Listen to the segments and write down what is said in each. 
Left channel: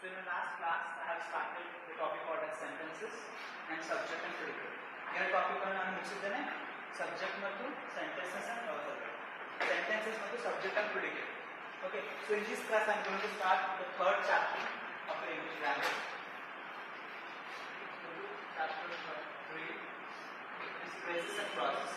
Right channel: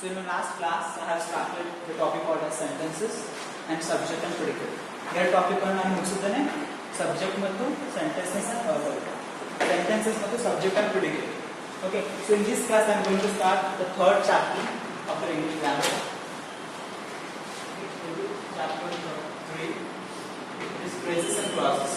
So in my last class, I have started the topic called as sentences and subject and predicate. ಎರಡು topic ಅನ್ನು ನಾನು ಮುಗಿಸಿದ್ದೇನೆ. Subject ಮತ್ತು sentences ಮತ್ತು subject and predicate. Okay. So in this class, I am going to start the third chapter of the English grammar. Chapter 3 is phrases and clauses.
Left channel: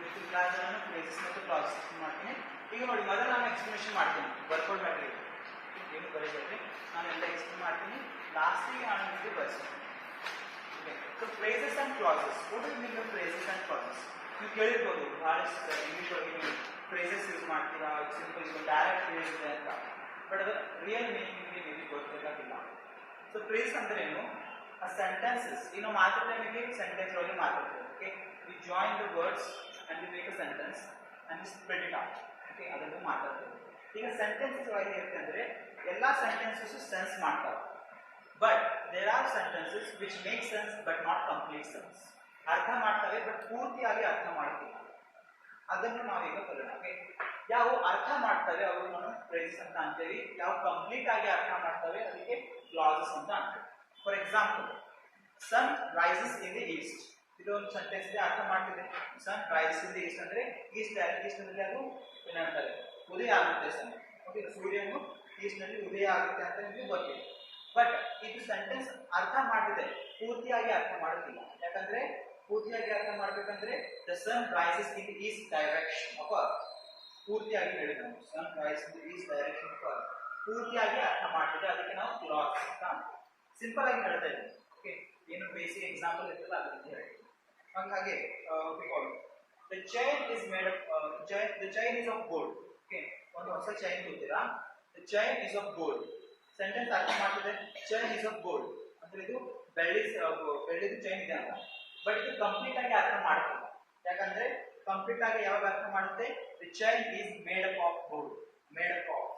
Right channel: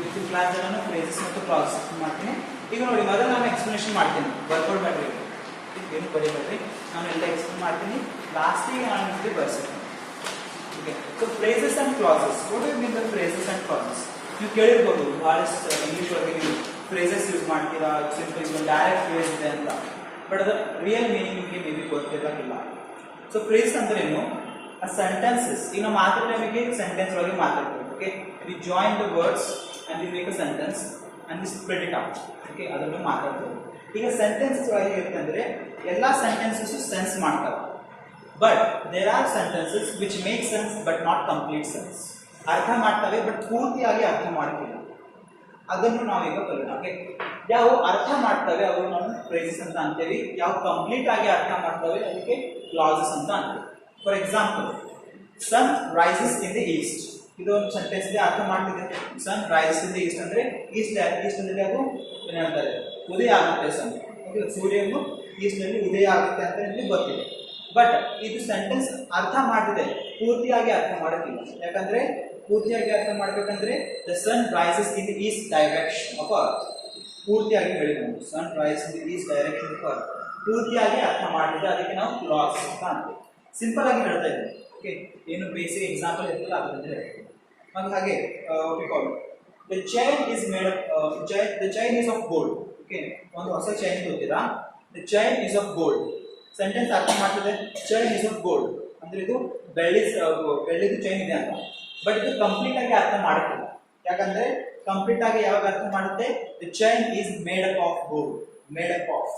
ಇವತ್ತಿನ class ನಾನು phrases ಮತ್ತು classes ಮಾಡ್ತೀನಿ. ಈಗ ನೋಡಿ, ಮೊದಲು ನಾನು ಎಕ್ಸ್ಪ್ಲನೇಷನ್ ಮಾಡ್ತೀನಿ, ಬರ್ಕೊಂಡು ಬೇಡ್ರಿ, ಏನು ಬರೀಬೇಡ್ರಿ, ನಾನು ಎಲ್ಲ ಎಕ್ಸ್ಪ್ಲೇನ್ ಮಾಡ್ತೀನಿ, ಲಾಸ್ಟಿಗೆ ನಾನು ನಿಮಗೆ ಬರ್ಸ್ತೀನಿ. Okay, so phrases and clauses, what you mean by phrases and clauses? ನೀವು ಕೇಳಿರ್ಬೋದು, ಭಾಳಷ್ಟು ಇಂಗ್ಲೀಷ್ ಒಳಗೆ ನೀವು ಫ್ರೇಸಸ್ ಯೂಸ್ ಮಾಡ್ತೀರಾ, ಸಿಂಪಲ್ ಇದು ಡೈರೆಕ್ಟ್ ಫ್ರೇಸ್ ಇದೆ ಅಂತ, ಬಟ್ ಅದು ರಿಯಲ್ ಮೀನಿಂಗ್ ನಿಮಗೆ ಮೇ ಬಿ ಗೊತ್ತಿರಲಿಲ್ಲ. ಸೊ ಫ್ರೇಸ್ ಅಂದ್ರೆ ಏನು? ಆ ಸೆಂಟೆನ್ಸಸ್, ಈಗ ನಾವು ಮಾತಾಡೋ ನಿಮಗೆ ಸೆಂಟೆನ್ಸ್ ಒಳಗೆ ಮಾತಾಡ್ತೀವಿ. Okay, we join the words and we make a sentence and we spread it out. Okay, ಅದನ್ನು ಮಾತಾಡ್ತೀವಿ. ಈಗ ಸೆಂಟೆನ್ಸಸ್ ಒಳಗೆ ಇರ್ತಂದ್ರೆ ಎಲ್ಲ ಸೆಂಟೆನ್ಸಸ್ ಸೆನ್ಸ್ ಮಾಡ್ತವೆ, but there are sentences which make sense but not complete sense. ಅರ್ಥ ಮಾಡ್ತವೆ ಬಟ್ ಪೂರ್ತಿಯಾಗಿ ಅರ್ಥ ಮಾಡ್ತಿಲ್ಲ. ಅದನ್ನು ನಾವೀಗ ಕಲಿಯೋಣ. ಓಕೆ, ಯಾವ ಅರ್ಥ ಮಾಡ್ತವೆ ಅವರು ನಾವು ಫ್ರೇಸಸ್ ಅಂತ ಅಂತೇವಿ, ಯಾವ ಕಂಪ್ಲೀಟ್ ಆಗಿ ಅರ್ಥ ಮಾಡ್ತವೆ ಅದಕ್ಕೆ ಕ್ಲಾಸಸ್ ಅಂತ ಅಂತೀವಿ. For example, sun rises in the east. ಇದು ಒಂದು ಸೆಂಟೆನ್ಸ್ ಇದೆ, ಅರ್ಥ ಮಾಡ್ತಿದೆ. Sun rises in the east ಅಂದ್ರೆ ಈಸ್ಟ್ ಅಂದ್ರೆ ಅದು ಏನು ಹೇಳ್ತಾರೆ, ಉದಯ ಆಗುತ್ತೆ ಸನ್. ಓಕೆ, ಸೂರ್ಯನು ಈಸ್ಟ್ ನಲ್ಲಿ ಉದಯ ಆಗುತ್ತೆ ಅಂತ ನಿಮಗೆ ಗೊತ್ತಿದೆ, ಬಟ್ ಇದು ಸೆಂಟೆನ್ಸ್ ಅರ್ಥ ಮಾಡ್ತಿದೆ, ಪೂರ್ತಿಯಾಗಿ ಅರ್ಥ ಮಾಡೋದಿಲ್ಲ. ಯಾಕಂದ್ರೆ ಪೂರ್ತಿಯಾಗಿ ಅರ್ಥ ಮಾಡ್ಬೇಕಂದ್ರೆ the sun rises in the east direction of earth. ಪೂರ್ತಿಯಾಗಿ ಹೇಳಿ ನಾವು sun rises in the east direction of earth, ಪೂರ್ತಿಯಾಗಿ ಅರ್ಥ ಮಾಡ್ತಿದೆ, ಅದಕ್ಕೆ ನಾವು ಕ್ಲಾಸ್ ಅಂತ ಅಂತೀವಿ. ಸಿಂಪಲ್ ಆಗಿ ಹೇಳ್ತಾ ಇದ್ದೀವಿ. ಓಕೆ, ಏನು ಬೇಸಿಕ್ ಎಕ್ಸಾಂಪಲ್ ಇರ್ತಲ್ಲ ಅದರಿಂದ ಹೇಳ್ತೀವಿ. ಹಾಗೆ the chain is made up, the chain is of gold. Okay, ಒಂದು ಹೊಸ ಚೈನ್ ಗೊತ್ತೀರಾ, the chain is of gold. Sentence ಅರ್ಥ ಮಾಡ್ತಿದೆ, ಚೈನ್ ಇಸ್ ಆಫ್ ಗೋಲ್ಡ್ ಅಂದ್ರೆ ಇದು ಬೆಳ್ಳಿದು ಚೈನ್ ಇದೆ ಅಂತ, ಬಟ್ ಇದು ಕಂಪ್ಲೀಟ್ ಆಗಿ ಅರ್ಥ ಮಾಡುತ್ತಿಲ್ಲ. ಯಾಕಂದ್ರೆ ಕಂಪ್ಲೀಟ್ ಆಗಿ ಯಾವಾಗ ಅರ್ಥ ಮಾಡುತ್ತೆ, the chain is made up of gold. Made up of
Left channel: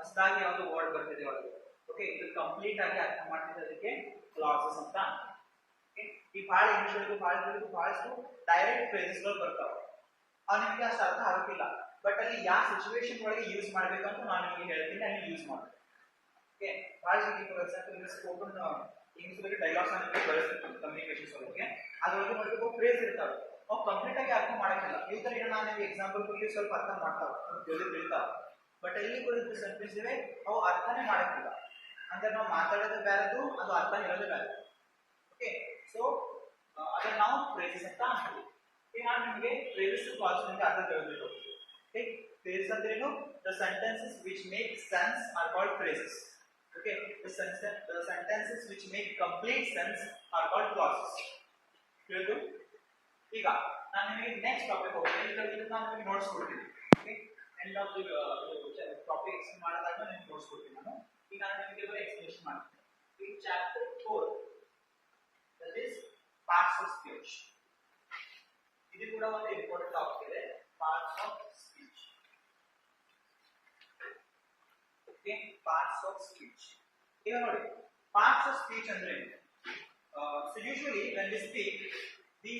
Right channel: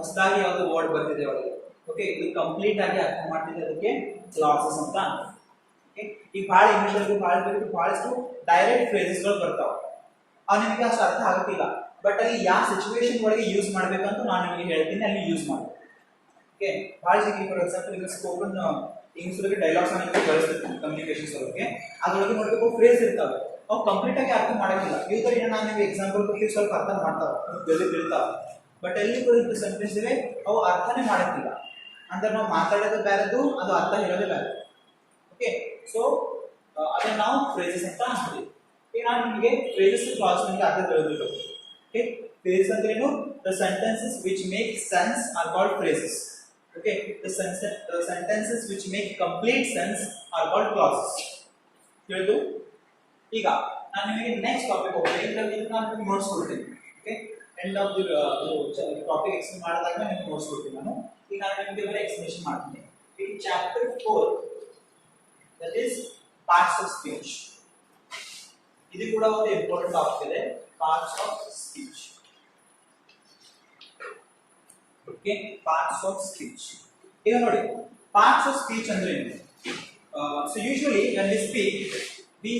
ಹೊಸದಾಗಿ ಯಾವುದು ವರ್ಡ್ ಬರ್ತಿದೆ ಒಳಗೆ. ಓಕೆ, ಇದು ಕಂಪ್ಲೀಟ್ ಆಗಿ ಅರ್ಥ ಮಾಡ್ತಿದೆ, ಅದಕ್ಕೆ ಕ್ಲಾಸಸ್ ಅಂತ. ಈಗ ಭಾಳ ಇಂಗ್ಲೀಷ್ ಬಹಳಷ್ಟು ಡೈರೆಕ್ಟ್ ಫ್ರೇಸಸ್ಗಳು ಬರ್ತಾವೆ, ಅವು ನಿಮಗೆ ಅಷ್ಟು ಅರ್ಥ ಆಗುತ್ತಿಲ್ಲ, ಬಟ್ ಅಲ್ಲಿ ಯಾವ ಸಿಚುವೇಶನ್ ಒಳಗೆ ಯೂಸ್ ಮಾಡ್ಬೇಕಂತ ನಾನು ನಿಮಗೆ ಹೇಳ್ತೀನಿ, ಅಲ್ಲಿ ಯೂಸ್ ಮಾಡಿ. ಓಕೆ, ಭಾಳ ಜನ ಫಾರ್ ಎಕ್ಸಾಂಪಲ್ ಈಗ ಸ್ಪೋಕನ್ ಇಂಗ್ಲೀಷ್ ಒಳಗೆ ಡೈಲಾಗ್ಸ್ ನಿಮಗೆ ಬಳಸ್ತಿರ್ತೀವಿ ಕಮ್ಯುನಿಕೇಶನ್ಸ್ ಒಳಗೆ, ಅದ್ರೊಳಗೆ ನೋಡಬೇಕು ಫ್ರೇಸ್ ಇರ್ತಾವೆ, ಅವು ಕಂಪ್ಲೀಟ್ ಆಗಿ ಅರ್ಥ ಮಾಡೋದಿಲ್ಲ. ಇವುದರಿಂದ ನಾನು ನಿಮಗೆ ಎಕ್ಸಾಂಪಲ್ ಕೊಟ್ಟು ಸ್ವಲ್ಪ ಅರ್ಥ ಮಾಡ್ತಾವೆ, ಜಲ್ದಿ ತಿಳ್ತಾವೆ, ಬಟ್ ಎಲ್ಲಿ ಕೂಡ ಸೆಂಟೆನ್ಸ್ ಇವೆ ಅವು ಅರ್ಥನೇ ಮಾಡೋದಿಲ್ಲ. ಅಂದ್ರೆ ನಾವು ಮಾತಾಡೋದು ಬೇರೆದು, ಅದು ಅರ್ಥ ಇರೋದೇ ಬೇರೆ. ಓಕೆ, ಸೊ ಅದನ್ನ ನಾವು ಫ್ರೇಸಸ್ ಅಂತ ಅಂತೀವಿ. ಈಗ ನಾನು ನಿಮಗೆ ಫ್ರೇಸಸ್ ಕ್ಲಾಸ್ ನಿಮಗೆ ಅರ್ಥ ತಿಳಿದಿಲ್ಲ. ಓಕೆ, ಫ್ರೇಸಸ್ ಅಂದ್ರೆ ಏನು? The sentences which make sense are called phrases. Okay, the sentences which make complete sense are called classes. ತಿಳಿದು? ಈಗ ನಾನು ನಿಮಗೆ ನೆಕ್ಸ್ಟ್ ಟಾಪಿಕ್ ಹೋಗ್ತೀನಿ, ಇದರಲ್ಲಿ ನಾನು ನಿಮಗೆ ನೋಟ್ಸ್ ಕೊಡ್ತೀನಿ. Okay, end of the topic explain ಮಾಡಿದಾಗ ನಿಮಗೆ ನೋಟ್ಸ್ ಕೊಡ್ತೀನಿ ನಾನು. ಈಗ ನಾನು ನಿಮಗೆ ಬರೀ ಎಕ್ಸ್ಪ್ಲೇಷನ್ ಮಾಡ್ತೀನಿ. ಇನ್ chapter 4 that is parts of speech. ಇದು ಕೂಡ ಒಂದು ಇಂಪಾರ್ಟೆಂಟ್ ಟಾಪಿಕ್ ಇದೆ, parts of speech. Okay, parts of speech. ಈಗ ನೋಡಿ, parts of speech ಅಂದ್ರೆ ಏನು? So usually when we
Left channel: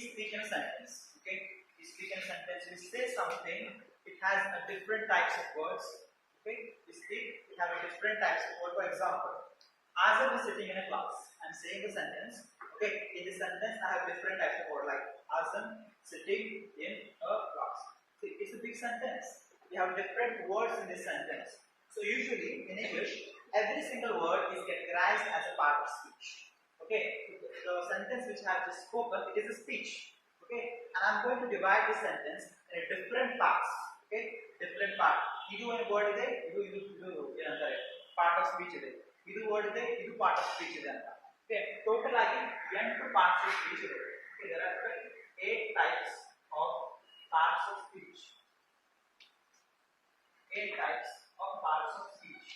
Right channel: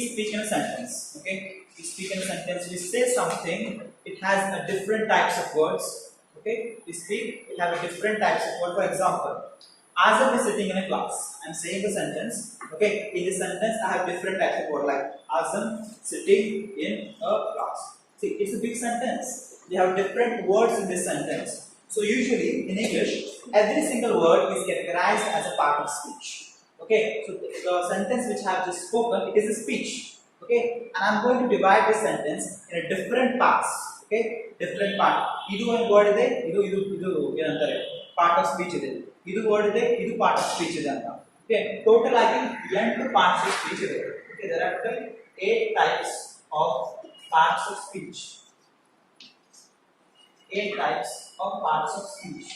speak in a sentence. Okay, we speak in a sentence, we say something, it has a different types of words. Okay, we speak, it have a different types of words. For example, Azam is sitting in a class. I'm saying the sentence. Okay, in this sentence, I have different types of words like Azam sitting in a class. See, it's a big sentence. We have different words in this sentence. So usually in English, every single word is categorized as a part of speech. Okay, so the sentence which I have just spoken, it is a speech. Okay, and I'm going to divide this sentence in a different parts. Okay, different part. Idu one word ide, idu ಏನಂತಾರೆ, part of speech ಇದೆ. ಇದು word ಇದೆ, ಇದು part of speech ಇದೆ ಅಂತ. Okay, total ಆಗಿ 8 parts of speech ಇದೆ. Okay, there are 8 types of parts of speech. 8 types of parts of speech.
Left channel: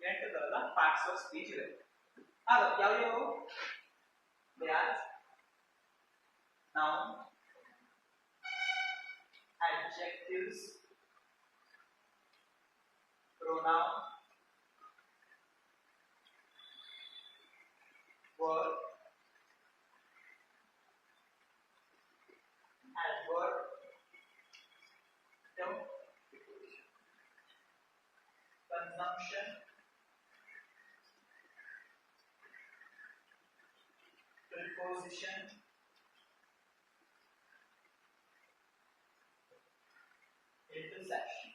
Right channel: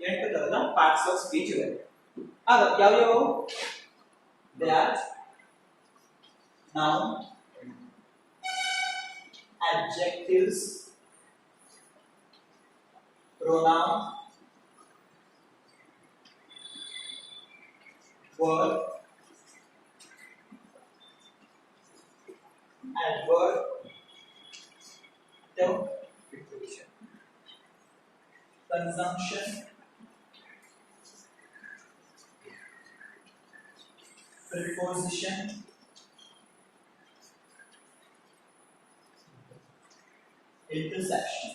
8 ತರದ ಪಾರ್ಟ್ಸ್ ಆಫ್ ಸ್ಪೀಚ್ ಇದೆ. ಆಗ ಯಾವ್ಯಾವ? They are noun, adjectives, pronoun, verb, adverb ಅಥವಾ preposition. Consumption, preposition, intersection.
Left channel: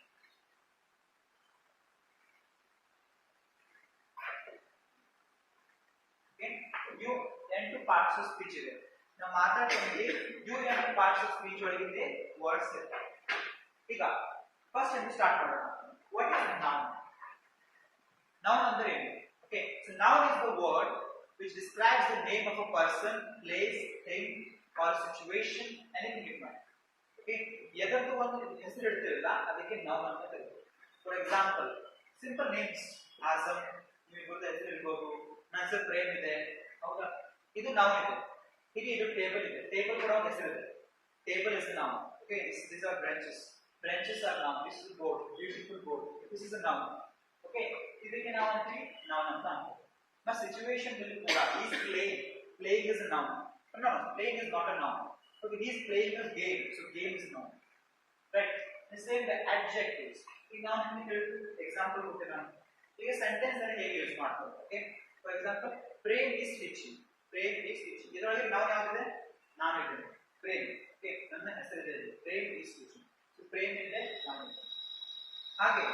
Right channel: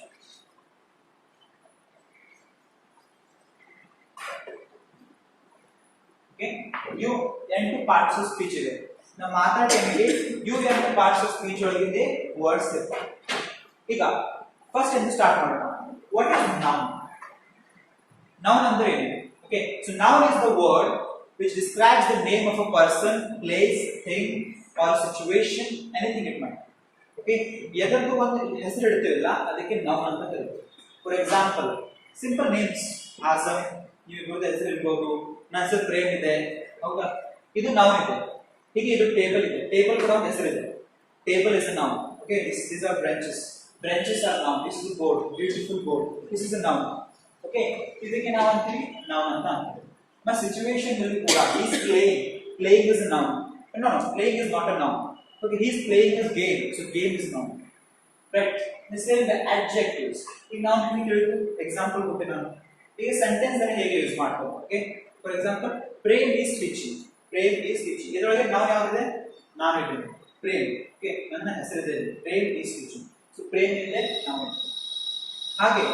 Okay, you ಎಂಟು parts of speech ಇದೆ. ನಾವು ಮಾತಾಡ್ತೀವಿ you ಎಂಟು ಪಾರ್ಟ್ಸ್ ಆಫ್ ಸ್ಪೀಚ್ ಒಳಗಿದೆ ವರ್ಡ್ಸ್ ಇರ್ತವೆ. ಈಗ ಫಸ್ಟ್ ಎಂದು ಸ್ಟಾರ್ಟ್ ಮಾಡೋಣ. What is noun? ನೌನ್ ಅಂದ್ರೆ ಏನು? Okay, so noun is the word which describes the name of a person, place, thing or situation, anything it might. Okay, ಎದಕ್ಕೂ ಒಂದು ಹೆಸರು ಇಡ್ತೀವಲ್ಲ ಅದಕ್ಕೆ noun ಅಂತ ಕರೀತೀವಿ. For example simple names, awesome, ನೀವು ಇಬ್ಬರದ ಹೆಸರು ಇರ್ಬೋದು, ನನ್ನ ಹೆಸರು ಪ್ರೇಮ್ ಇದೆ, ಹೌದಾ, ಇದು ನೌನ್ ಇದೆ. ಹೀಗೆ ಇದು ಟೇಬಲ್ ಇದೆ, ಟೇಬಲ್ ಕೂಡ ಒಂದು ಹೆಸರು ಇದೆ, table is a noun. Okay, these are branches are noun. This is a board, beautiful board, this is a noun. Okay, ಇದಕ್ಕೆ ನಾವು ಅಂತೀವಿ ನೌನ್ ಅಂತ ಅಂತೀವಿ. My situation will be pura. He is playing is a noun. No, playing is not a noun. Okay, he is playing a game, so game is noun. Right? The same the adjectives. In noun we will example ಕೊಡ್ತೀನಿ ನಾನು. ಈಗ sentence ಅನ್ನು ಹೇಗೆ use ಮಾಡ್ತಾರೆ? Okay, for example Prem is teaching. Prem is teaching, ಇದರೊಳಗೆ ನಾವು ಯಾವ್ದಿದೆ? ನಾನು ಇದ್ದೇನೆ, ಪ್ರೇಮ್. ಓಕೆ, ನನ್ನ ಹೆಸರಿದೆ, Prem is teaching. So Prem ಇದೆ, ನಾವು. ಹಾಗೆ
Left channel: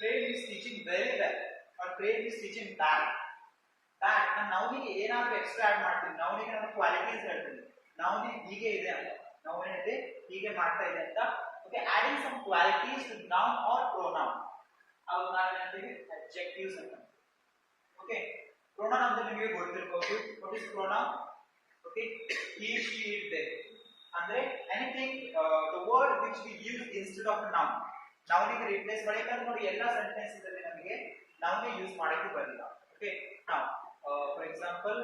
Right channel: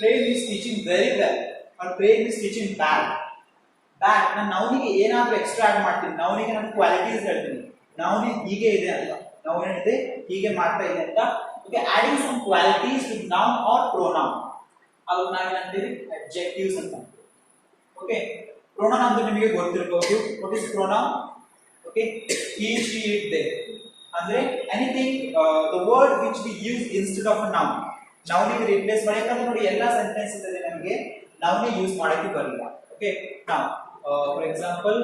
Prem is teaching very well or Prem is teaching bad. Bad ನಾನು ನೌನಿಗೆ ಏನಾದರೂ ಎಕ್ಸ್ಟ್ರಾ ಆಡ್ ಮಾಡ್ತೀನಿ, ನೌನಿಗೆ ನಾನು ಕ್ವಾಲಿಟೀಸ್ ಹೇಳ್ತೀನಿ, ನೌನಿ ಹೀಗೆ ಇದೆ ಅಂತ, ನೌನ್ ಇದೆ ಹೀಗೆ ಮಾಡ್ತಾ ಇದೆ ಅಂತ. Okay, adding some qualities with noun or pronoun, ಅದು ನಾವು ಏನಂತೀವಿ? ಅಡ್ಜೆಕ್ಟಿವ್ಸ್ ಅಂತ. ಓಕೆ, ಪ್ರೊನೌನ್ ಅಂದ್ರೆ ನಿಮಗೆ ಗೊತ್ತಿರಬಹುದು. What is pronoun? Okay, he, she, it, they ಅಂದ್ರೆ anything the word which we use instead of a noun. ನೌನಿಗೆ ರಿಪ್ಲೇಸ್ ಮಾಡಿ, ಯಾಕಂದ್ರೆ ನೋಡಿ ಎಲ್ಲ ಸೆಂಟೆನ್ಸ್ ಇದೆ ನಮಗೆ ನೌನಿ ಯೂಸ್ ಮಾಡಕ್ಕೆ ಬರಲ್ಲ. Okay, now for example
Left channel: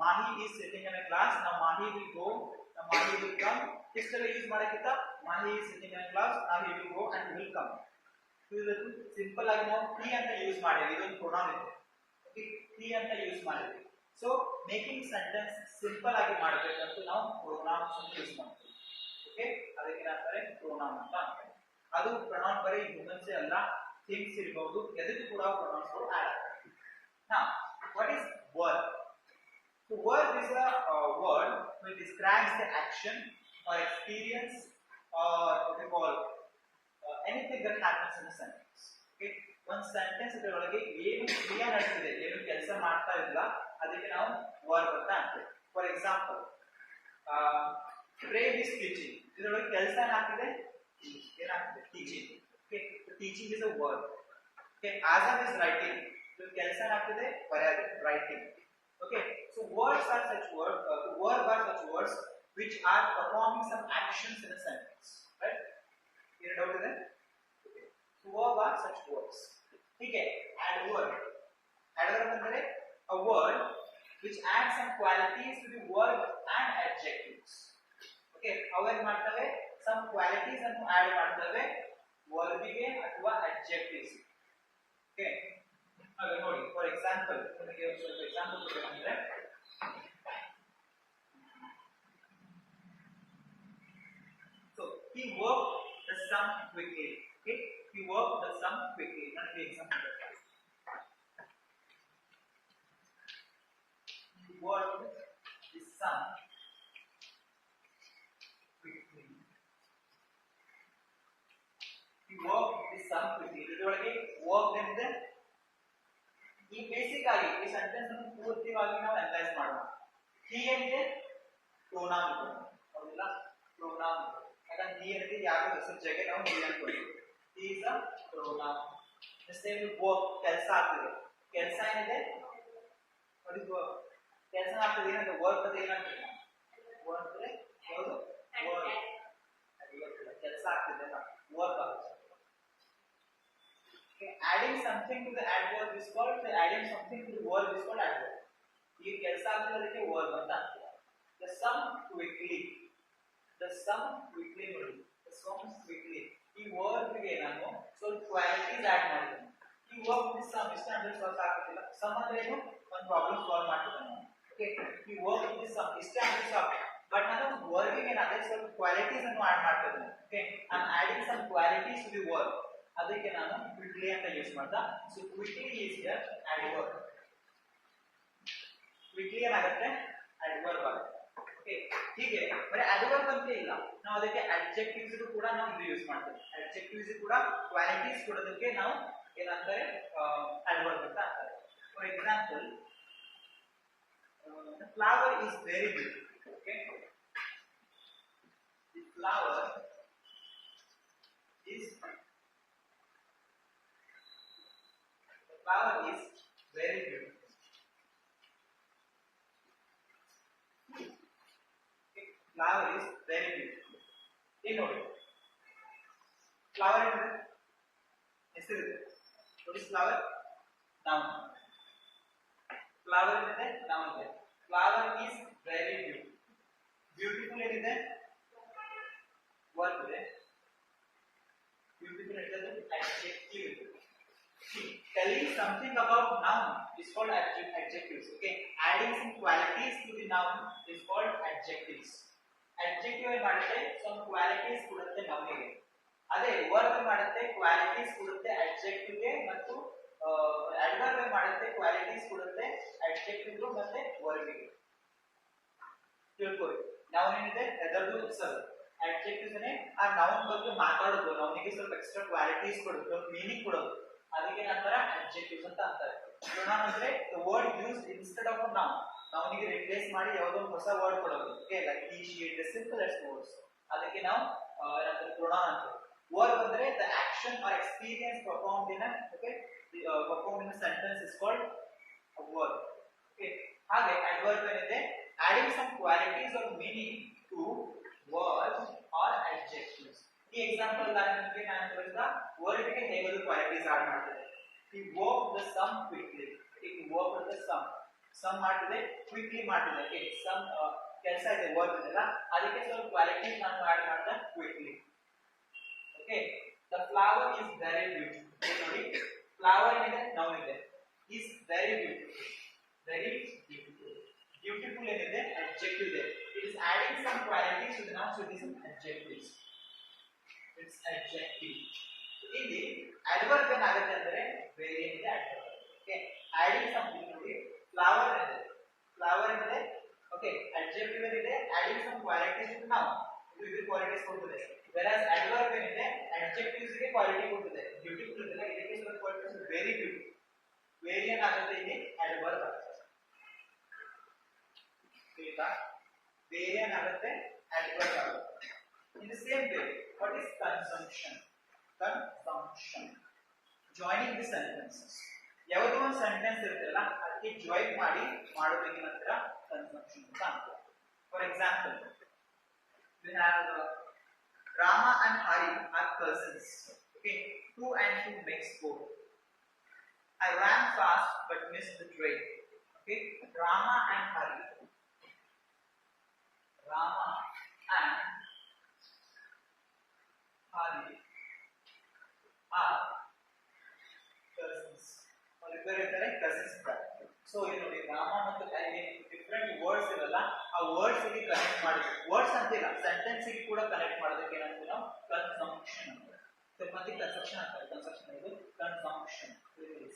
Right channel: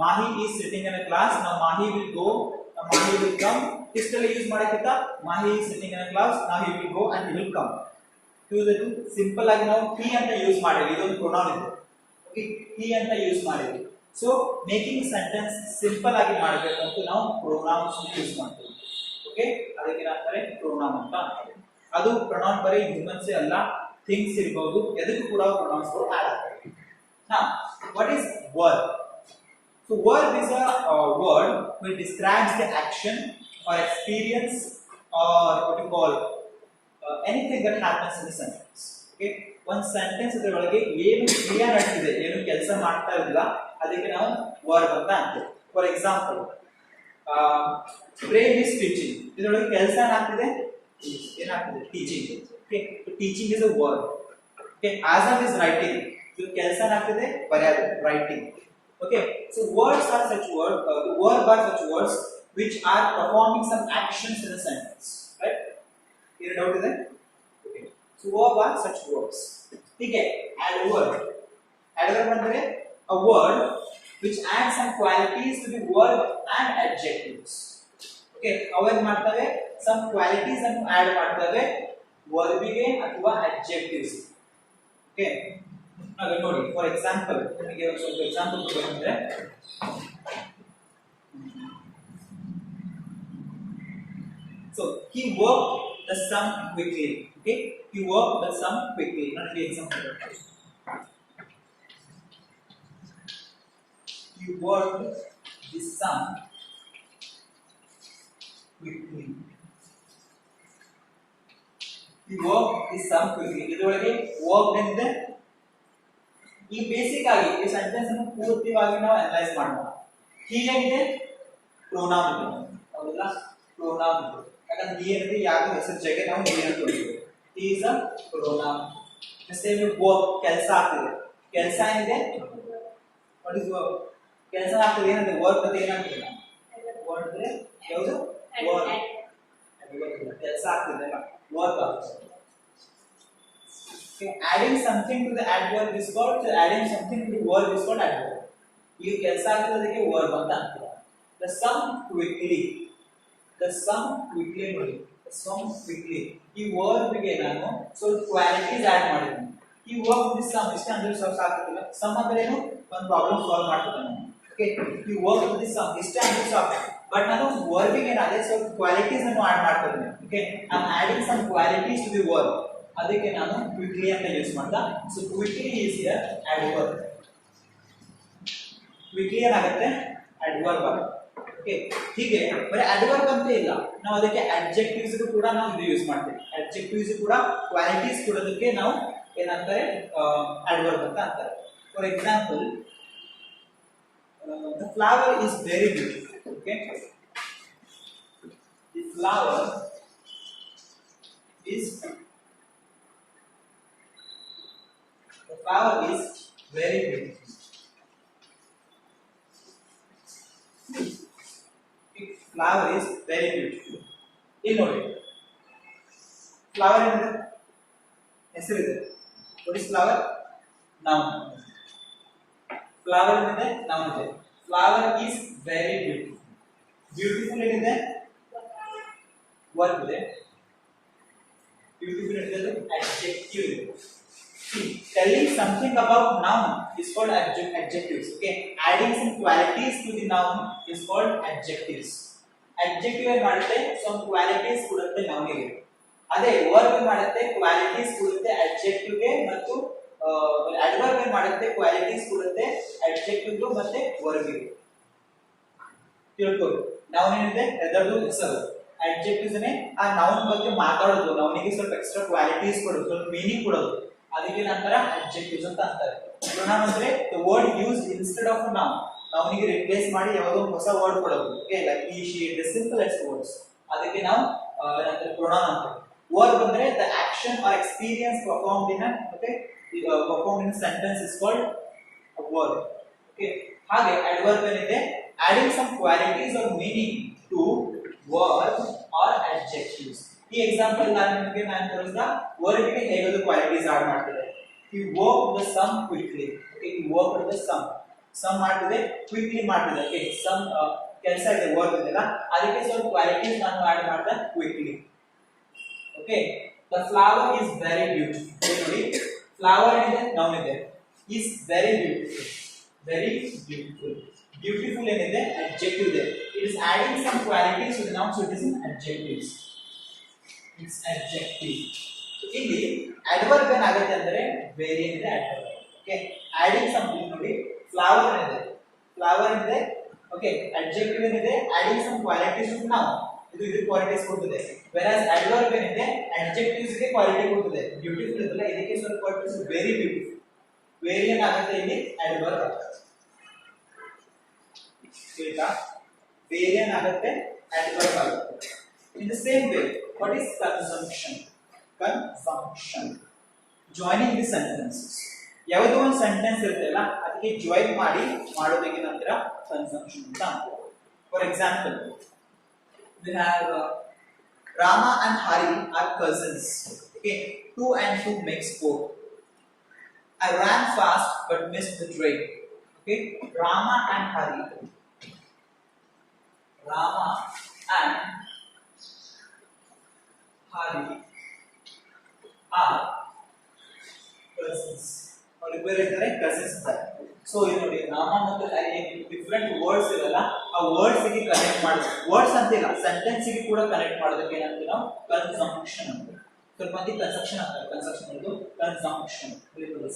Mahi is sitting in a class. Now Mahi will go, now Mahi will come. ಇಷ್ಟೆಲ್ಲ use ಮಾಡಕ್ಕಿಂತ Mahi is sitting in a class, now he will go and he will come. ಇದು simple ಆಗಿ ನಾವು he ಅಂತ use ಮಾಡಿದ್ವಿ, ಇದೊಂದು pronoun ಇದೆ. Okay, he ಅಂತ use ಮಾಡಿದ್ವಿ. ಸೊ ಮೇಕಿಂಗ್ ಸೆಂಟೆನ್ಸ್ ಸಿಂಪಲ್ ಆಗಿ ಮಾಡಬೇಕಂತ ನಾವು ಪ್ರೊನೌನ್ಸ್ ಯೂಸ್ ಮಾಡ್ತೀವಿ. ಓಕೆ, ಅದಕ್ಕೆ ಅಂತಾರೆ ಪ್ರೊನೌನ್ ಅಂತ ಅಂತಾರೆ. ಅದು ಪ್ರೊನೌನ್ ಬರೀ ಹ್ಯೂಮನ್ಸ್ ಅಲ್ಲ, ಥಿಂಗ್ಸ್ ಇರಬಹುದು, ಎದಕ್ಕೂ ಕೂಡ ಪ್ರೊನೌನ್ಸ್ ಆಡ್ ಆಗ್ತವೆ. Now, what is verb? So, verb is a word which describes the action or experience or what you call anything that happens in the sentence. Okay, one sentence ಇದರೊಳಗೆ ಏನು ಕ್ರಿಯೆ ನಡೆದಿದೆ, ಏನು ಕೆಲಸ ಮಾಡ್ತಾ ಇಲ್ಲ, ಅದಕ್ಕೆ ನಾವು verb ಅಂತ ಅಂತೀವಿ. For example Prem is teaching, ಇದರೊಳಗೆ ಕೆಲಸ ಏನಾಗ್ತಿದೆ? ಏನಾಗ್ತಿದೆ? Teaching. Okay, teaching is a verb. Okay, awesome is writing, ಇದು ಕೆಲಸ ಏನಾಗ್ತಿದೆ? ಬರೆಯೋದು, writing. Okay, so words are such word, the verb are such words which are performing some actions in a sentence, right? ಏನು doubt ಇದೆ? Okay, so verb are such words. ಹೀಗೆ adverb ಅಂದ್ರೆ a word which adds some qualities to the verb and adjectives. Okay, ಅವೇನ್ ಮಾಡ್ತವೆ? some qualities ಅನ್ನು add ಮಾಡ್ತವೆ verb ಗೆ ಅಥವಾ adjectives. ಓಕೆ, ಹಾಗೆ ನೋಡಿ, ಫಾರ್ ಎಕ್ಸಾಂಪಲ್ ನಿಮಗೆ ಒಂದು ಸ್ವಲ್ಪ example ಕೊಡಬೇಕಂದ್ರೆ, so he worked the sum quickly. Okay, he worked the sum quickly. Not the example. He worked the sum quickly. He worked the sum quickly. ಇದರೊಳಗೆ worked ಎಂದ್ರೆ ಈ basic ಆಗಿ ಈ ಸೆಂಟೆನ್ಸ್ ಅನ್ನು ಪೂರ್ತಿಯಾಗಿ ನಾವು ಅನಲೈಸ್ ಮಾಡೋಣ. ಹೀಗಿದೆ ಪ್ರೊನೌನ್ ಇದೆ, ಹೌದಲ್ಲ? ಪ್ರೊನೌನ್ ಇದೆ, ಯಾಕಂದ್ರೆ he ಅಂದ್ರೆ ಯಾರು ಹೆಸರು ಜೊತೆಗೆ ನಾವು he ಅಂತ ಹೇಳ್ತೀವಿ. he is a pronoun. the same work, ಕೆಲಸ ಆಗ್ತಿದೆ, ಕೆಲಸ ಏನಿದೆ? what is work? ಕೆಲಸ ಆಗ್ತಿದೆ, ಏನಂದ್ರೆ ವರ್ಕ್ ಅಂತ ಏನಂತೀವಿ? ವರ್ಕ್ ಅಂದ್ರೆ ಯಾವುದು? ವರ್ಕ್, ಕೆಲಸ ಆಗ್ತಿದೆ ಅಲ್ಲ, ವರ್ಕ್ ಆಗ್ತಿದೆ. Adding something to the adverb is called, adding something to the verb is called adverb. ಈಗ ಕೆಲಸ ಆಗ್ತಿರೋದಕ್ಕೆ verb ಅಂತ ಅಂತೀವಿ. the sum quickly, the sum quickly ನೋಡಿ, the sum quickly ಈ verb ಗೆ ನಾನು ಸ್ವಲ್ಪ ಕ್ವಾಲಿಟೀಸ್ ಆಡ್ ಮಾಡಿದ್ದೀನಿ. ಈ ವರ್ಕ್ ದಿಸ್ ಸಮ್ ಇಷ್ಟ ಅಂದ್ರೆ ಸ್ವಲ್ಪ ಸಾಕಾಗಿಲ್ಲ. ಸಮ್ ಅಂದ್ರೆ ಏನು? ಒಂದು ಪ್ರಾಬ್ಲಮ್ ಸಾಲ್ವ್ ಮಾಡ್ತಿದ್ದಾನೆ. ಓಕೆ, ಈ ವರ್ಕ್ ದಿಸ್ ಸಮ್ ಇಷ್ಟ ಅಂದ್ರೆ ಸಾಕು, ಬಟ್ ನಾನು ವರ್ಬಿಗೆ ಏನಾದ್ರೆ ಸ್ವಲ್ಪ ಕ್ವಾಲಿಟೀಸ್ ಅನ್ನು ಆಡ್ ಮಾಡ್ತಾ ಇದ್ದೀನಿ. Okay, I am adding some qualities to the verb. ಅದಕ್ಕೆ ನಾನು ಕ್ವಿಕ್ಲಿ ಅಂತ ಯೂಸ್ ಮಾಡ್ತಾ. So quickly is here adverb. Quickly ಏನಾಗುತ್ತೆ adverb ಆಗುತ್ತೆ. ಓಕೆ, ಹೀಗೆ ಬರೀ adverb ಅಂತ ಇಲ್ಲ, ನಾವು ಅದಕ್ಕೆ adjectives ಕೂಡ ನಾವು ಇದು ಯೂಸ್ ಮಾಡ್ತೀವಿ. adjectives ಕೂಡ ಕ್ವಾಲಿಟೀಸ್ ಕೊಡೋದಕ್ಕೆ ನಾವು ಏನಂತಾರೆ adverb ಅಂತ ಅಂತಾರೆ. For example, the flower is very beautiful. Okay, the flower is very beautiful. The flower is very beautiful. ಇಲ್ಲಿ ನೋಡಿ, ಫ್ಲವರ್ ಏನಿದೆ ಹೆಸರಿದೆ. what is flower? noun. Flower ಏನಿದೆ noun ಇದೆ. flower is very beautiful. beautiful ಏನಿದೆ verb ಇದೆ. beautiful ಏನಿದೆ adjective ಇದೆ. See, telling something about noun is called adjectives. Okay, adding some qualities to the noun is called adjectives. adjective ಏನ್ ಮಾಡುತ್ತೆ, some qualities ಕೊಡುತ್ತೆ noun ಗೆ. ಅದೇ verb ಏನ್ ಮಾಡುತ್ತೆ, qualities ಕೊಡುತ್ತೆ adjective ಗೆ, ಮತ್ತು adverb ಏನ್ ಮಾಡುತ್ತೆ, qualities ಕೊಡುತ್ತೆ adjective ಗೆ ಮತ್ತೆ verb ಗೆ. ತಿಳ್ಕೊಳ್ಳಿ, noun ಏನಿದೆ ಅದರದ್ದು ಹೆಸರು, adjectives ನೇ ಆ noun ಬಗ್ಗೆ ಮಾತಾಡೋದು, noun ಗೆ ಸ್ವಲ್ಪ ಎಕ್ಸ್ಟ್ರಾ ಕ್ವಾಲಿಟೀಸ್ ಕೊಡೋದು, ಸ್ವಲ್ಪ ಮೀನಿಂಗ್ ಕೊಡೋದು, ಅದಕ್ಕೆ ನಂತರ adjectives ಅಂತ ಅಂತಾರೆ. pronoun ಅಂದ್ರೆ the word used instead of a noun. noun ಗೆ ರಿಪ್ಲೇಸ್ ಮಾಡಿ ಯಾವುದೋ ಹೊಸ ವರ್ಡ್ ಕೊಡೋದು. Okay, like he she, the simplest words, ಅದಕ್ಕೆ ನಾವು ಏನಂತಾರೆ pronoun ಅಂತಾರೆ. verb ಅಂದ್ರೆ the action or experience performed in a performed in a sentence is called a verb. Okay, ಹಾಗೆ adverb ಏನಿದೆ, adding some qualities or meaning to verb or adjectives. ಈ example ನಾನು ತೋರಿಸಿದ ವರ್ಡ್ ಗೆ ಹೇಗೆ ಕ್ವಾಲಿಟೀಸ್ ಆಡ್ ಮಾಡ್ತಿದೆ. he worked the sum quickly. okay, he worked the sum ಮಾಡ್ತಿದೆ, quickly ಮಾಡ್ತಿದೆ. okay, sum ಕೆಲಸ ಇದೆ, ವರ್ಕ್ ಇದೆಲ್ಲ, ಅದಕ್ಕೆ ಸ್ವಲ್ಪ ಕ್ವಾಲಿಟೀಸ್ ನಾನು ಆಡ್ ಮಾಡ್ದೆ quickly. okay, the flower is very beautiful. ನೋಡಿ, flower ಇದೆ noun ಇದೆ, is very beautiful. beautiful ಏನಿದೆ adjective ಇದೆ. it is adding some qualities to the noun, so it is an adjectives. it's adjective. so ಇಲ್ಲಿ adverb ಏನಾಗುತ್ತೆ ಅಂದ್ರೆ very ಏನಿದೆ adverb. okay, adding something, ನೋಡಿ flower ಏನಿದೆ okay, adjective ಏನಿದೆ adding some qualities to the noun, ಇದು qualities ಕೊಡ್ತದೆ. whereas adverb ಏನಿದೆ adjectives ಗೆ ಕ್ವಾಲಿಟಿ ಕೊಡ್ತದೆ. beautiful ಇದೆಲ್ಲ ಇದಕ್ಕೆ ಸ್ವಲ್ಪ ಕ್ವಾಲಿಟೀಸ್, very beautiful, very ಏನಾಗುತ್ತೆ ಇಲ್ಲಿ adverb ಆಗುತ್ತೆ. ಆಯ್ತಾ, very ಏನಾಗುತ್ತೆ adverb ಆಗುತ್ತೆ. in the same way, what is conjunction? joining the sentences. ಯಾವುದೋ ಒಂದು ಸೆಂಟೆನ್ಸ್ ಇರುತ್ತಲ್ಲ ಅದಕ್ಕೆ ಜಾಯಿನ್ ಮಾಡಿ ಮಾಡೋದಕ್ಕೆ ನಂತರ conjunction ಅಂತ ಅಂತಾರೆ. For example, we have Rama and Hari are cousins. okay, 2 and 2 makes 4. I ran fast but missed the train. okay, Rama and Hari are cousins. ಅವರಿಬ್ಬರು ಇದ್ದಾರೆ, cousins ಇದ್ದಾರೆ. ಸೊ ಇದು ನೋಡಿ, ರಾಮ ಮತ್ತು ಹರಿ ಡಿಫರೆಂಟ್ ವರ್ಡ್ಸ್ ಇರಲ್ಲ, ಆ ವರ್ಡ್ಸ್ ಗೆ ಕನೆಕ್ಟ್ ಮಾಡೋದು, ವರ್ಡ್ಸ್ ಅಂತಿಲ್ಲ ಸೆಂಟೆನ್ಸ್ ಗೆ ಕೂಡ ಕನೆಕ್ಟ್ ಮಾಡೋದಕ್ಕೆ ಏನಂತೀವಿ ನಾವು ಕನ್ಸಂಕ್ಷನ್ ಅಂತ. ಸ್ವಲ್ಪ ಮಂದಿ ಕನ್ಸಂಕ್ಷನ್ ಅಂತಾರೆ, ಕನ್ಸಂಕ್ಷನ್ ಇದು ಕನ್ಸಂಕ್ಷನ್.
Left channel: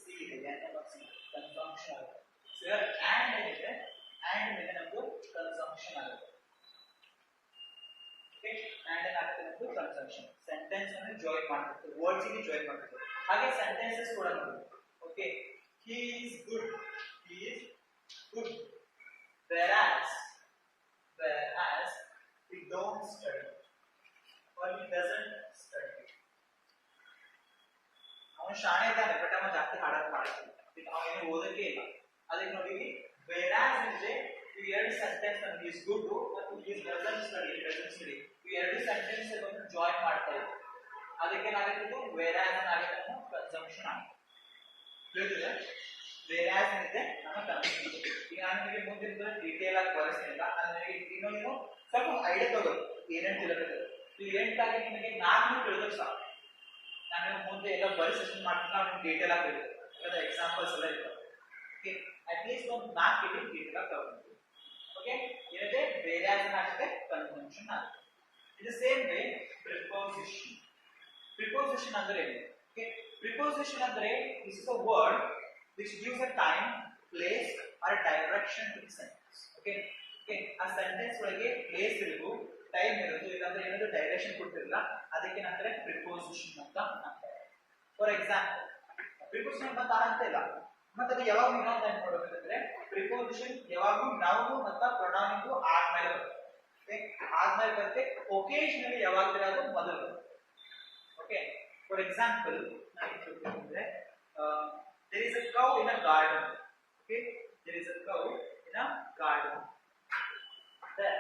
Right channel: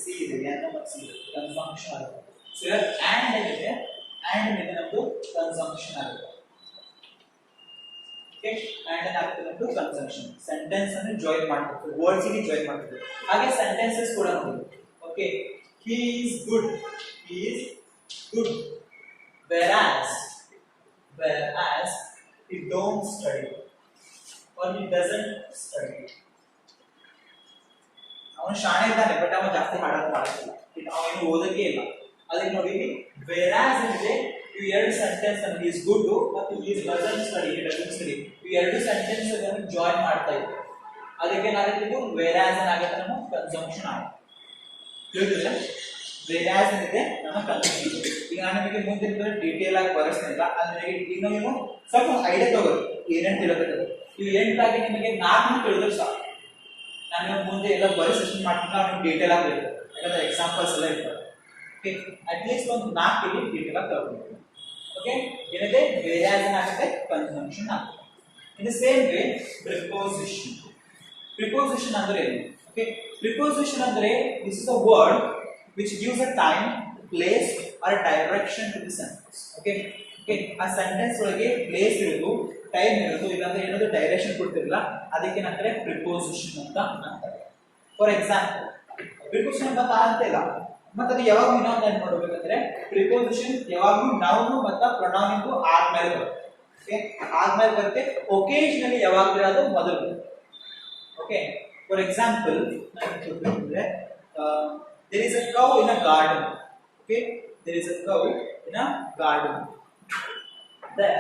ಸಿ ಇದೆ, ಎನ್ ಮತ್ತು ಸಿ ಇದೆ, ಕನ್ಸಂಕ್ಷನ್ ಆಗುತ್ತೆ. ಸೊ ಈಗ ಆಂಡ್ ಏನಿದೆ, ಆಂಡ್ ಮೇಲೆ ನಮ್ಮದು ಕನ್ಸಂಕ್ಷನ್ ಆಗುತ್ತೆ. ಓಕೆ, ಆಂಡ್ ಏನಾಗುತ್ತೆ ನಮ್ಮದು ಕನ್ಸಂಕ್ಷನ್. ಸೆಂಟೆನ್ಸ್ ಅನ್ನು ಜಾಯಿನ್ ಮಾಡ್ತೀವಿ, ವರ್ಡ್ಸ್ ಗೆ ಜಾಯಿನ್ ಮಾಡ್ತೀವಿ. ಹಾಗೆ ಸೆಂಟೆನ್ಸಸ್ ಕೂಡ ನೋಡಿ. Okay, he is good whereas he don't study or he doesn't study. ಅವನು ಶಾಣೆ ಇದ್ದಾನೆ ಬಟ್ ಅವನು ಜಾಸ್ತಿ ಹಾಡೋದು ಮಾಡೋದಿಲ್ಲ, ಅವನು ಓದಕ್ಕೆ ಇಲ್ಲ. ಅದಕ್ಕೆ ನೋಡಿ, whereas ಇದೆ, ಇವು ಎರಡು ಸೆಂಟೆನ್ಸ್ ಅನ್ನು he is good ಮತ್ತು he doesn't study, ಇವು ಎರಡು ಸೆಂಟೆನ್ಸ್ ಅನ್ನು ಜಾಯಿನ್ ಮಾಡ್ತಾ ಇದ್ದಾರೆ. ಅದಕ್ಕೆ ಏನಾಗುತ್ತೆ, ಇದು whereas ಏನಾಗುತ್ತೆ, ನಮ್ಮ ಕನ್ಸಂಕ್ಷನ್ ಆಗುತ್ತೆ. ತಿಳಿದಿದೆ, whereas ಏನಿದೆ ನಮ್ಮ ಕನ್ಸಂಕ್ಷನ್. ಈಗ ನಾನು ನಿಮಗೆ ಮುಂದಿನ ಡೀಟೇಲ್ ಆಗಿ ಬರೆಸ್ತಿಲ್ಲ, ಅಂದ್ರೆ ಈಗ ನೀವು ಸ್ವಲ್ಪ ಐಡಿಯಾ ತಗೊಳ್ಳಿ ಏನೇನು ತಿಳಿದಿದೆ. ಇವು ಎಂಟಾಗಿ ನಿಮಗೆ 4 ತಿಳಿದ್ರೆ ಸಾಕು. ನಾನು ಮುಂದೆ ಎಲ್ಲ ಬರೆಸಿ ಮಾಡ್ತೀನಿ, ನಿಮ್ಗೆ ಡೀಟೇಲ್ ಆಗಿ ಇರ್ತದೆ, ಯಾಕಂದ್ರೆ ಎಕ್ಸಾಂಪಲ್ಸ್ ಎಲ್ಲ ಇರ್ತವೆ. ಓಕೆ, ಅಟ್ಲೀಸ್ಟ್ ಒಂದು 4 ಡೀಟೇಲ್ ಆಗಿ ತಗೊಳ್ಳಿ. ಓಕೆ, ಓಕೆ ಏನಿದೆ whereas ಏನಾಗುತ್ತೆ conjunction ಆಗುತ್ತೆ. In the same way preposition. Preposition ಅಂದ್ರೆ ಏನು? Okay, preposition ಅಂದ್ರೆ this is a word which gives a time, place or direction to the sentence. Okay, ಆ ಸೆಂಟೆನ್ಸ್ ಒಳಗೆ ಪ್ಲೇಸ್ ಇರೋದು, ಟೈಮ್ ಇರೋದು, ಇಲ್ಲಾಂದ್ರೆ ಏನಾದ್ರು ಡೈರೆಕ್ಷನ್ ಕೊಡ್ತಿರಲ್ಲ, ಅದಕ್ಕೆ ಏನಂತಾರೆ ಪ್ರಿಪೋಸಿಷನ್ ಅಂತ ಅಂತಾರೆ. ಫಾರ್ ಎಕ್ಸಾಂಪಲ್ ಪ್ರಿಪೋಸಿಷನ್ ಅಂತ ಇಲ್ಲ, ಮತ್ತೆ ಅದು ಯಾವಾಗ ಇನ್ನೊಂದು ಏನು ಮಾಡಬೇಕಂದ್ರೆ ಪ್ರಿಪೋಸಿಷನ್ ಯಾವಾಗಲೂ ನೌನ್ ಮತ್ತು ಪ್ರೊನೌನ್ ಇಂದು ಆದ್ಮೇಲೆ ಬರುತ್ತೆ. ಓಕೆ, ಆದ್ಮೇಲೆ ಬರುತ್ತೆ. ಒಕೇಶನಲಿ ಯಾವಾಗಲೂ ಅದು ಮೊದಲು ಬರುತ್ತೆ. ಓಕೆ, ಫಾರ್ ಎಕ್ಸಾಂಪಲ್ ನಾನು there is a cow in a garden. Okay, there is a cow in a garden. There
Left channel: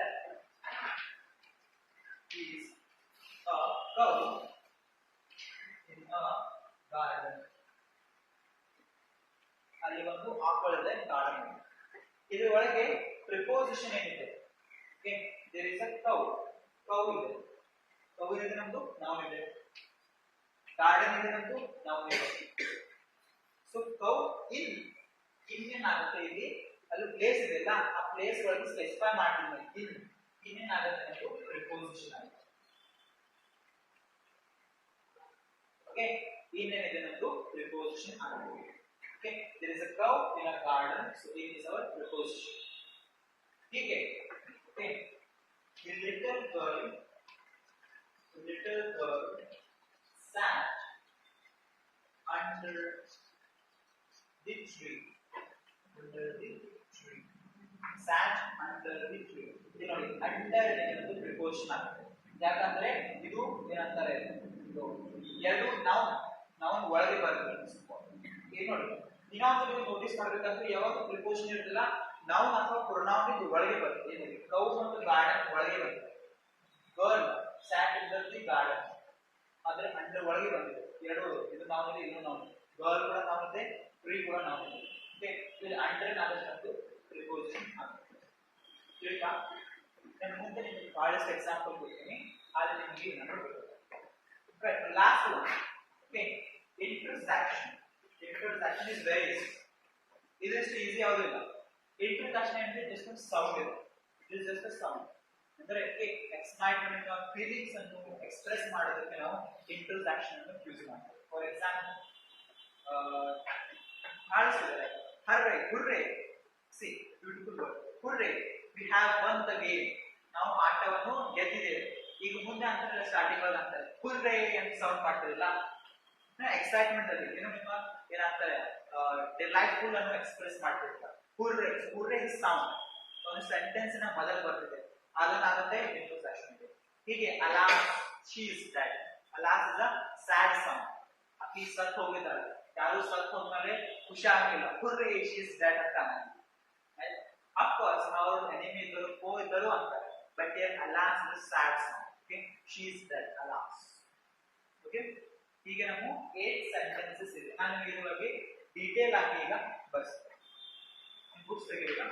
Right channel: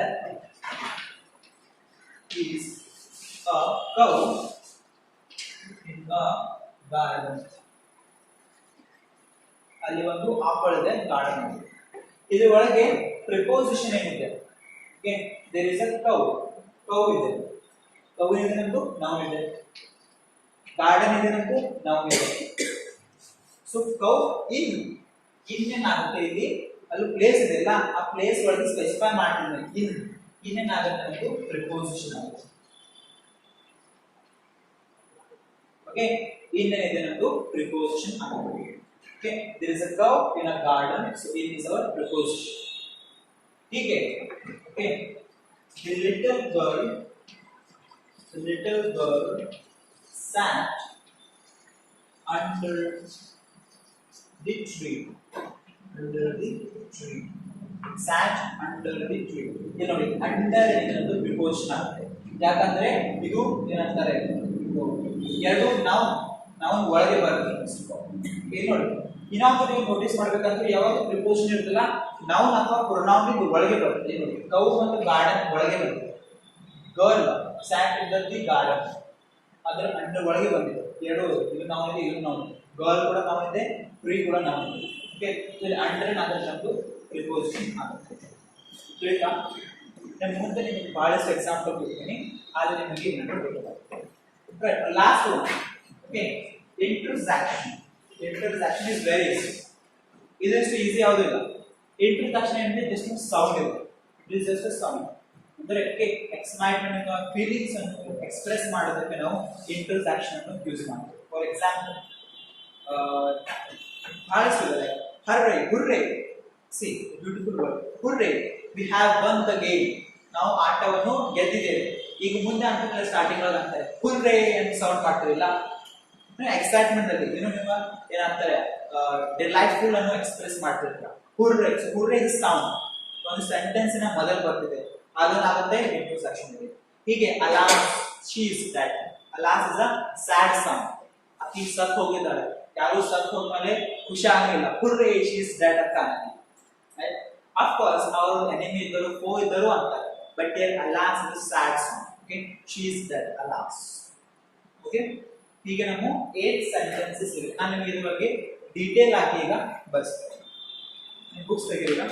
is a cow in a garden. ಅಲ್ಲಿ ಒಂದು ಆಪಳಿದೆ ಗಾರ್ಡನ್. ಇದರ ಒಳಗೆ ಪ್ರಿಪೋಸಿಷನ್ ಏನಿದೆ? Okay, there is a cow. cow ಇದೆ, cow ಇದೆ ನಮ್ದು noun ಇದೆ, garden ಇದೆ ನಮ್ದು noun ಇದೆ. ಸೊ ಕೌ ಇನ್ ಏನಾಗುತ್ತೆ ಇಲ್ಲಿ, ಅಲ್ಲಿ ಪ್ಲೇಸ್ ಇದೆ ಅಲ್ಲ, ಆ ಪ್ಲೇಸ್ ಒಳಗೆ ಸ್ಪೆಸಿಫೈ ಮಾಡಿದ್ರೆ ಇನ್ ಏನಾಗುತ್ತೆ ನಮ್ದು ಪ್ರಿಪೋಸಿಷನ್ ಆಗುತ್ತೆ. ಓಕೆ, ಇನ್ ಏನಿದೆ ನಮ್ದು ಪ್ರಿಪೋಸಿಷನ್ ಆಗುತ್ತೆ. Okay, there is a cow in a garden, so in is our preposition. ठीक है? Okay, the little girl sat under the tree. Sat under the tree. ಇದು ನೋಡಿ, ಅಂಡರ್ ಏನಂತ ಪ್ರಿಪೋಸಿಷನ್ ಆಗುತ್ತೆ. ಯಾಕಂದ್ರೆ ಇದು ಏನಂತಾರೆ, ಎರಡು ನೌನ್ ಒಳಗೆ ಬರುತ್ತೆ. ಏನು ನೋಡಿ, ಇನ್ನೊಂದು ನೀವು ನೋಟಿಸ್ ಮಾಡ್ಬೇಕಂದ್ರೆ ಯಾವಾಗ ಪ್ರಿಪೋಸಿಷನ್ ಇರುತ್ತಲ್ಲ, ನೌನ್ ಅಥವಾ ಪ್ರೊನೌನ್ ಇದು ಒಳಗೆ ಬರುತ್ತೆ. ಏನು ನೋಡಿ, ಕೌ ಮತ್ತು ಗಾರ್ಡನ್ ಒಳಗೆ ಬರುತ್ತೆ. Girl sat in the garden, ಅದರ ಅಂಡರ್ ಒಳಗೆ ಬಂದಿದೆ. ಎರಡು ಇದು ನೌನ್ ಇದೆ, ಇದು ನೌನ್. ಗರ್ಲ್ ಕೂಡ ನೌನ್ ಇದೆ, ಟ್ರೀ ಕೂಡ ನೌನ್ ಇದೆ. ಓಕೆ, ಇಲ್ಲಿ ಅಂಡರ್ ಏನಾದ್ರೆ ನಮ್ದು ಪ್ರಿಪೋಸಿಷನ್ ಆಗುತ್ತೆ. ತಿಳಿತಾ? ನಾನು ಮುಂದೆ ನಿಮಗೆ ಬಹಳಷ್ಟು ಎಕ್ಸಾಂಪಲ್ ಕೊಡ್ತೀನಿ, ಆದರೆ ನಿಮಗೆ ಏನಾದರೂ ಬೇಕಾಗುತ್ತೆ. Right, last one. Okay, introduction. Introduction is very easy. ಇದಷ್ಟು ಈಸಿ ಯಾವುದೂ ಇಲ್ಲ. ಇಂಟ್ರೊಡಕ್ಷನ್ ಏನಿದೆ ಜಸ್ಟ್ ಒಂದು ಸೌಂಡ್ ಇದೆ. It is just a sound. ಅಂದ್ರೆ ಎಕ್ಸೈಟ್ಮೆಂಟ್ ಫೀಲಿಂಗ್ಸ್ ಅನ್ನು ಎಕ್ಸ್ಪ್ರೆಸ್ ಮಾಡೋದಕ್ಕೆ ನಾವು ಇಂಟ್ರೊಡಕ್ಷನ್ ಅನ್ನು ಯೂಸ್ ಮಾಡ್ತೀವಿ. ಫಾರ್ ಎಕ್ಸಾಂಪಲ್ ಬಹಳಷ್ಟು ಇದೆ, like hurray, hurray. See beautiful word, hurray, we have won the game. ನಾವು ಆಟವನ್ನು ಗೆದ್ದಿದ್ದೇವೆ. ಈಗ ಮುಂದೆ ಅಂತ ಸ್ಟಾರ್ಟಿಂಗ್ ಒಳಗೆ ಅಂತಾರೆ ಹುರ್ರೇ ಅಂತ ಸೌಂಡ್ ಮಾಡ್ತಿರಲಿಲ್ಲ, ಎಕ್ಸೈಟ್ಮೆಂಟ್ ಅಲ್ಲಿ ಏನು ನಿಮ್ಮ ಏನಂತಾರೆ ಡಿಲೈಟ್ಫುಲ್ ಅನ್ನು ಎಕ್ಸ್ಪ್ರೆಸ್ ಮಾಡ್ತಿರ್ತಾರೆ. Hurray, hurray is sound. ಒಂದು ಸೆಂಟೆನ್ಸಿನ ಮೊದಲು ಬರ್ತಿದೆ, ಅದನ್ನಾಗುತ್ತೆ ಇಂಟ್ರೊಡಕ್ಷನ್ ಇದೆ. ಹೀಗೆ alas, she is dead. Alas is a sad song. ಆಕಿ ಸತ್ ಹೋಗಿದ್ದಾಳೆ, ಯಾರು ಸತ್ ಹೋದ್ಮೇಲೆ ಖುಷಿ ಆಗಲಿಲ್ಲ, ಹುರ್ರೇ ಶಿ ಇಸ್ ಡೆಡ್ ಅಂತ ಅನ್ನಿ. ಆಫ್ ಕೋರ್ಸ್ ಅವರು ಎನಿಮಿ ಇದ್ದರು, ಫೋ ಇದ್ದರು ಅಂತಾರೆ, but here alas is a sad song. Okay, she is dead, alas. Okay, ಹೀಗೆ ನಾವು 8 ಸೆಂಟೆನ್ಸಸ್ ಇವೆ. ನಾನು ನಿಮಗೆ ಇದ್ರ ಬಗ್ಗೆ ಡೀಟೇಲ್ ಆಗಿ ಈಗ ಬರ್ಸ್ತೇನೆ. ಬುಕ್ಸ್ ತೆಗೆಯಿಲ್ಲ.